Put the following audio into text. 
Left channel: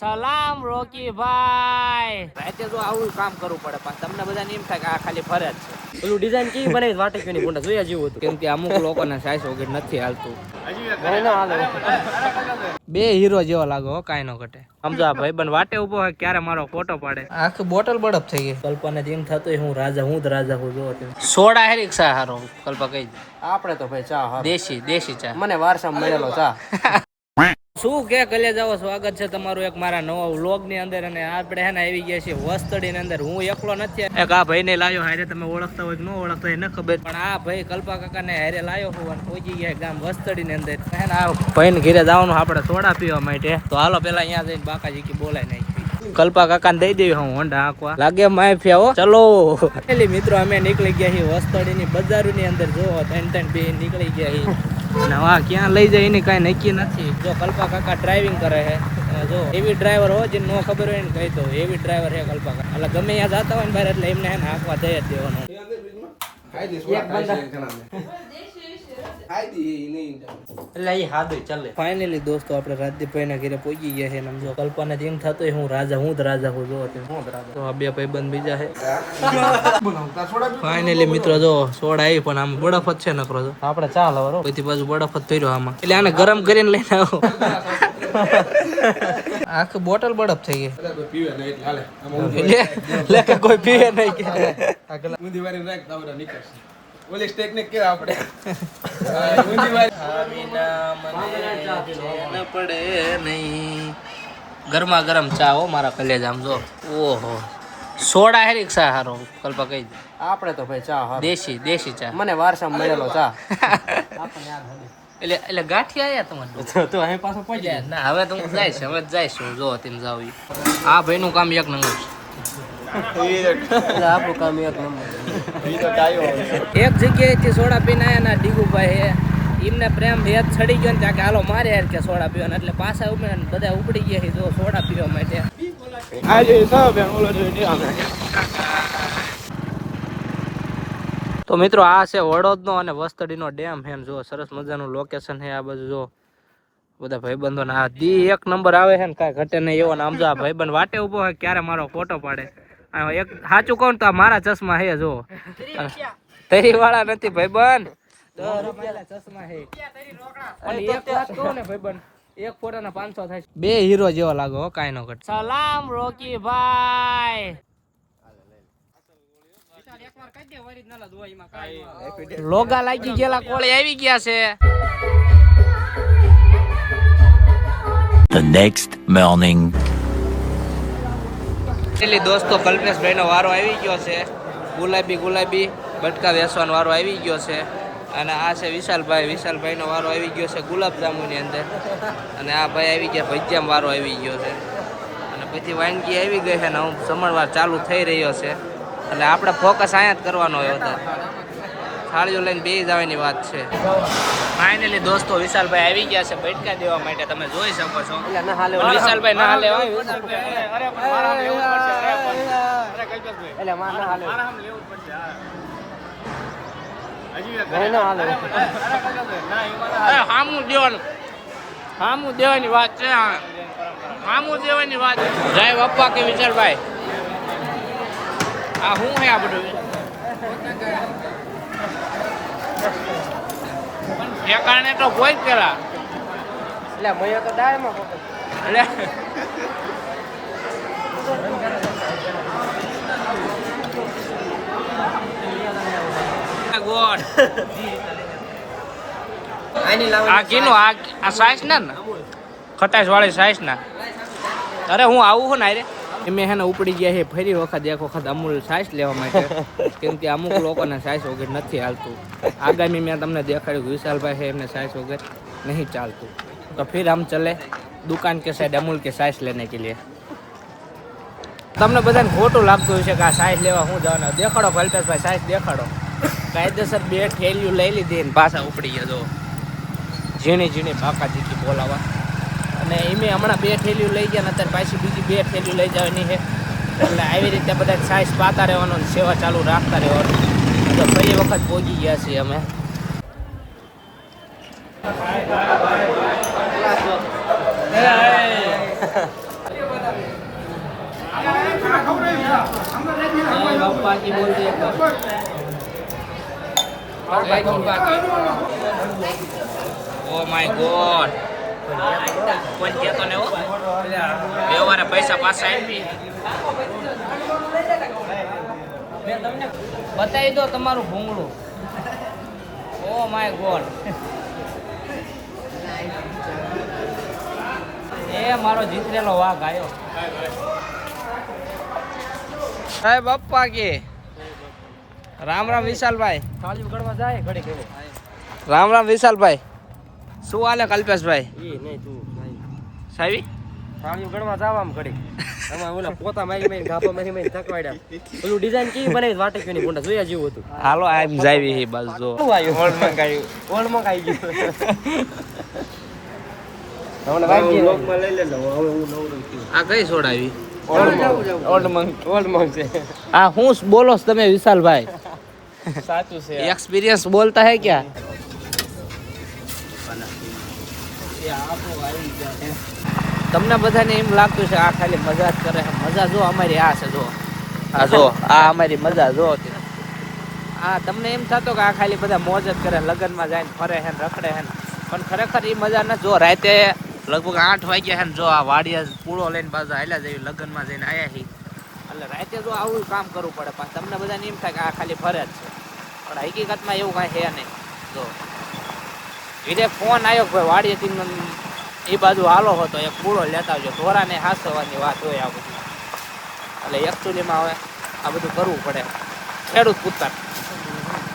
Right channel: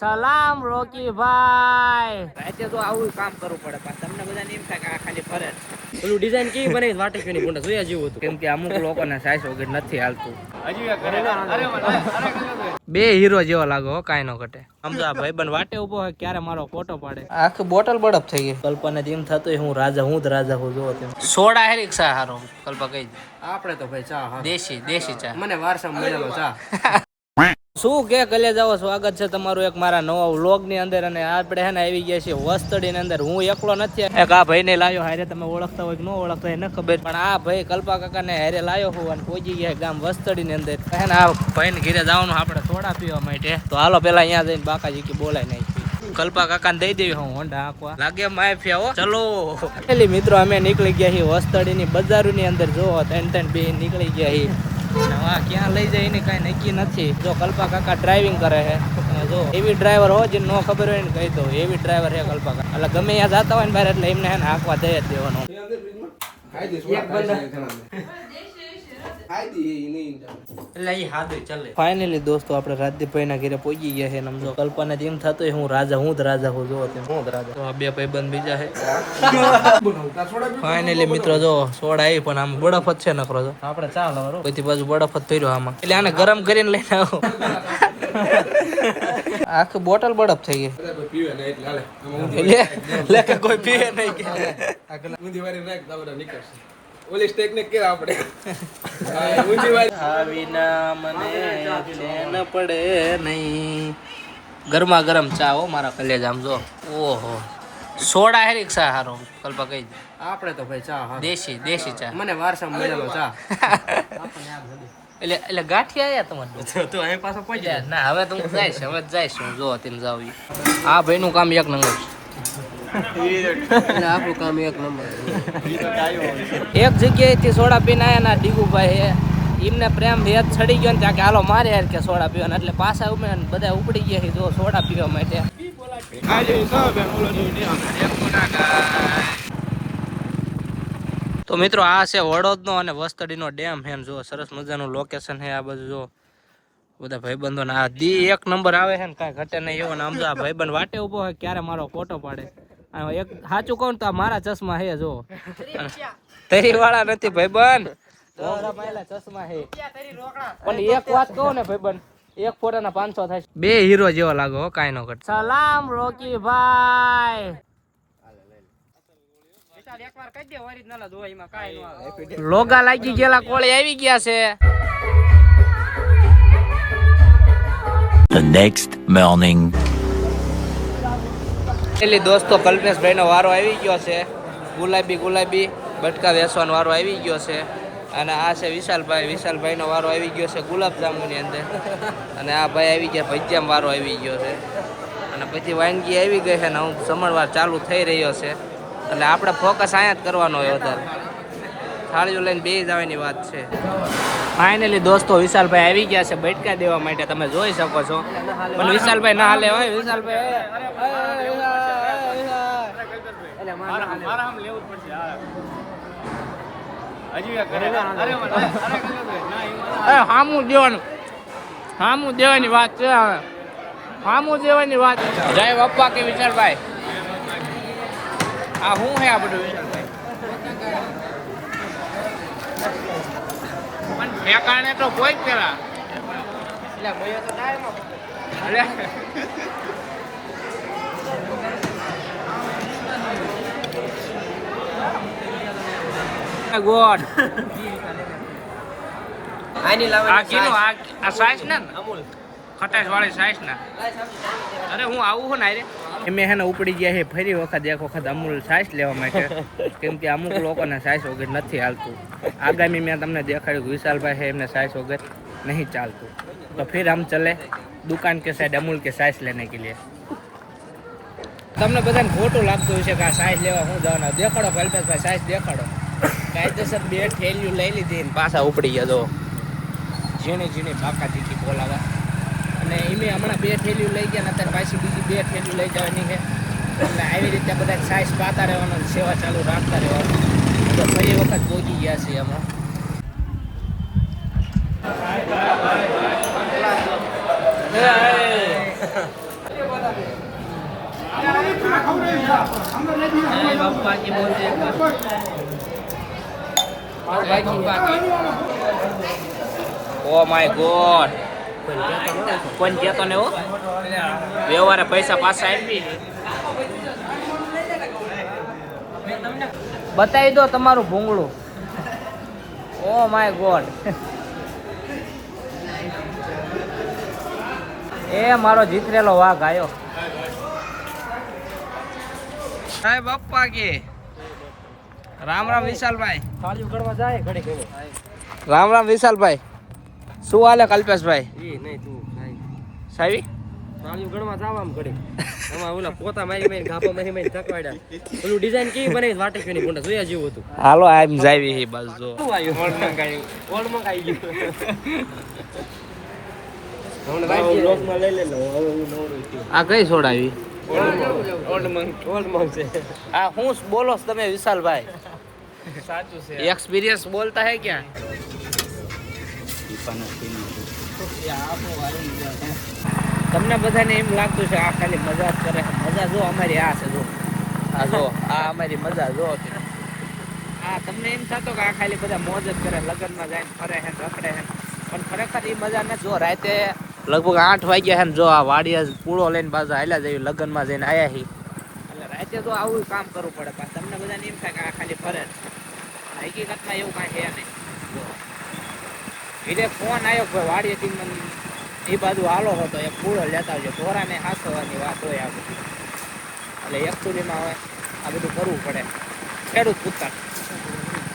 સલામ રોકી ભાઈ. રાતે તો આવું કામ કરવું પડે પણ તમને બધાને એમ થાય કે આ ખાલી ફરજ છે. પેલું ડિઝાઇન કેવી બનાવી વાટકીની ગુંડા જોયા જેવું હતું. કેમ કે અમુક લોકોને સાઈઝ વગર નથી હાલતું. બે હીરો જેવો લાગો કાંઈ નો ઘટે. સમજો આ ભાઈબંધ વાટે ઉભો હોય ક્યારે મારો ફોટો પાડે. આખી બોટલ બરફ થઈ ગઈ. કલ્પાને એમ થતું હું રાજા હું જ રાજા હું જોવો તેમ. સોડા હેરિક ચા હારો કલ્પા કહી દે. આપણે તો ભાઈ ચા દેશી ચા મને વારસામાં મળેલો ચા. શું કે કલે જાવ સ્વાગત છે તમારું એક મારા નવા વ્લોગ ની અંદર. અને આપણે હે ને આવી ગયા છીએ વસ્તડી ની અંદર. હું એકલો નથી, એક આ ભાઈ ને લાયો હારે. તમે ઓળખતા હોય કે ન ઓળખતા હોય ન ખબર, પણ આ ભાઈ કલ્પા કાકા ને હારે લાયો હું અને પહોંચી ગયા ગામ વસ્તડી ની અંદર. આ ભાઈ ને ઘરે જવાનું આપણે સોડા પીવા માટે. તો હાલો પેલા અહીંયા જઈને બાકાજી કે બોલાય નાખી. કલ્પા કાકા ને દઈ દેવી હું હોન્ડા આંકવા લાગે માફિયા હો. ચલો પેલી મિત્રો અમે નીકળી ગયા છીએ વસ્તડી ની બજાર ની અંદર. જો ત્રણ બે નીકળી ગયા છીએ. નવા ક્યાં લઈ જાય એની કઈ નક્કી નથી. જો કલ્પા કાકા ડ્રાઇવિંગ કરે છે. જો એવી ડ્રાઈવર હોય જે નો ખબર હોય ને કહી દો, એવી ડ્રાઈવર છે કલ્પા કાકા. એટલે ગમે ત્યાં જતા હોય ને બહાર એટલે એમને એને હાંકવા દઈ જ દેવાનો. ફાઇનલી દોસ્તો આપણે રાજદીપભાઈ ના ઘરે પહોંચી ગયા છે. સમજો કલ્પાને એમ થતું હું રાજા હું જ રાજા હું જોવો તેમ. હું જ રાજા. તો આ બે ભાઈબંધ બીજા છે. ફાઇનલી મિત્રો જો સોડા આવી પણ આમ બરફ જ છે નકરો. આપણે ચાલો બધી બાજુ બરફ જ થઈ રહ્યો આમાં. એટલે આને ગરમ કરીને લઈને આવો. આખી બોટલ બરફ થઈ ગઈ. કોઈ પીવે નહીં. ઓલી ટેકનિક કે આપણે ઊંધી વારી આવીના મને ચેન પડે નહીં. ગરમા ગરમ ચા હો મારા કલેજા. આમ જો ઓહો સોડા હેરિક ચા હારો કલ્પા કહી દે. આપણે તો ભાઈ ચા દેશી ચા મને વારસામાં મળેલો ચા. એટલે ગાંઠી આયા તમારે તો અહીં પાછો પહોંચ્યા ના. હવે તો હું જઈશ હું જો તેમ જાવ. આ ભાઈ નું કામ એક નંબર. એટલે આપણું કામ એક નંબર. એક જગ્યાએથી સોડા પીને આયા ના ડીગુભાઈ હે. એમને પ્રેમ યાદ ચડી ગયો ને ત્યાં કે હાલો મારે યાર કે સોડા પીવાના. એટલે પાછા ઉમે બધા ઉપડી ગયા જો સોડા પીવા માટે. તો મિત્રો આ છે વડોદનો અને વસ્તડીનો ડેમ છે. જો સરસ મજાનું લોકેશન છે આ બધું. જો બધા ભાઈબંધો ને આ દી એક નંબર આવે છે ને કાંઈ ઘટે નહીં એવો. આમ જો આ ભાઈબંધ વાટે ઉભો હોય ક્યારે મારો ફોટો પાડે. એક સાચું કહું તો આ મારા ચશ્મા હે. જો તરી વાળા નથી ભાઈબંધ, ચશ્મા હે. પણ એક વાત કહું ને ભાઈબંધ, એક ફોટા ના 500 થાય. બે હીરો જેવો લાગો કાંઈ નો ઘટ. સલામ રોકી ભાઈ. લોગા લાગી ગયેલા કોળી આવી ગયા છે. The next morning. પેલી દોસ્તો કલ્પેશભાઈ નો વારો આવી ગયો છે. ગુલાબી બટકા વેસવાનો વારો આવી ગયો છે. અને આ છે વિશાલભાઈ નો વારો આવી ગયો છે ગુલાબજાંબુ ની અંદર. અને આ ભાઈ આવી ગયા ભજીયામાં વારો આવી ગયો છે. અને પછી વાનગી આવી ગઈ છે ને હું જમણવાર ચાલુ થઈ રહ્યો છે. એટલે આપણે ફોકસ અહીંયા જ કરવાનો હોય વધારે. થાળીઓ લઈને બે જવાની વાત છે. ફાઇનલી દોસ્તો વિશાલભાઈ આવી ગયા છે બેઠકા દેવા માટે. તમે જોઈ શકો છો વિશાલભાઈ ના હાલે. દેવાની વાત. જય બાપા કે વિશાલભાઈ આ શું હે આ બધું? પણ ઠેકાણે તો કોઈ પેલા એટલે ભાઈઓ તો ડાયમાં ગોડ આની લાવે આ કિલો આ સાઈઝ ના ખટાશ વાળી સાઈઝ ના. અરે હું આવું છું ને રે એમે હે ને ઉપડી ગયા છે ફરી વખત એક વખત અમૂલ સાઈઝ લેવા માટે. કેમ કે અમુક લોકોને સાઈઝ વગર નથી હાલતું. આગામી મેં તમને દેખાડ્યું વિશાલભાઈ છે એમને સાઈઝ વગર નહીં ચાલતું. તો फिर हम चले दुकान के साइड अमूल के साइज लेने के लिए. તમને બધાને ખોટું લાગતું હશે કે આ સાઈઝ લેવા હું જવાના. દેખાડો કલ્પેશભાઈ સાઈઝ દેખાડો. કાયદેસર બે થેલીઓ લઈ લીધી ને પાછા ઉપડી ગયા. જો ઝીણી બાકાજીથી બોલાવા. અને એમે હમણાં બે થેલીઓ લઈ ગયા ને અત્યારે પાછી બીજી બે થેલીઓ લઈ જવાની છે. એટલે આવી રીતે બધા સાઈઝ પાતા રહેવાનો, સેવા ચાલુ રાખતા રહેવાનું. તો ફરી વખત પહોંચી ગયા છીએ અમે. बापा की बोल दे एक बार ओ माय गॉड कोण देतो ने हो व्यवहार पैसा पासा આવી બતાવી દો તમારું ભૂંગળું ઓ માય ગોડ એ મારો જીતરેલો વાઘ આવ્યો હે બાપા કે રામ રામ વિશાલભાઈ રામ રામ વિશાલભાઈ શું હાલે કલ્પેશભાઈ સાહેબ સાળીઓ ગણવા જાવ આમ ઘડી એમાં ઓલા પોતા મારી મારી ગાપા મારી મારી થકવાડ્યા પેલું ડિઝાઇન કેવી બનાવી વાટકીની પોંડા જોયા જેવું હતું હાલો આમ જાવી હી બસ જો ઓલ મંગાઈ ગયું હમણાં વાગી લોકમાં લઈ લેલો હવે હું નવરો છું આ કઈ છોડાવી ઓલ્ડ મંગ છે આ હું બોલો છો તમે વિશાલભાઈ સાચું છે एक्सपीरियंस बोलता है क्या તમને બધાને એમ લાગતું છે આ ખાલી મજા જ કરે છે મજા જો અમારી આ છે જો આ જો આ અમારી મજા જો હા તમને એમ થતો કે આ ખાલી બધા મોજ જ કરે લગ્નમાં જાય ફરે હે રખડે હે પણ ખરેખર એ મજા ન જો રાતે લગભગ 8 વાગ્યા હે જો આ વાડિયા પૂળો લઈને પાછા હાલ્યા જઈએ લગ્નમાં જઈને આયા હી એટલે રાતે તો આવું કામ કરવું પડે પણ તમને બધાને એમ થાય કે આ ખાલી ફરે જ છે પણ હકીકતમાં એવું કાંઈ છે નહીં જો વિદેશ ફોન આવ્યો ભાઈ વાડીએથી એ બાજુ હાલો હતો એક પૂળો લેતા આવજો ઢોરાને હાંસવાની વાત હોય આ બધી એટલે એકચુઅલીમાં હવે આ બધું કરવું પડે ખેડૂત પૂછતા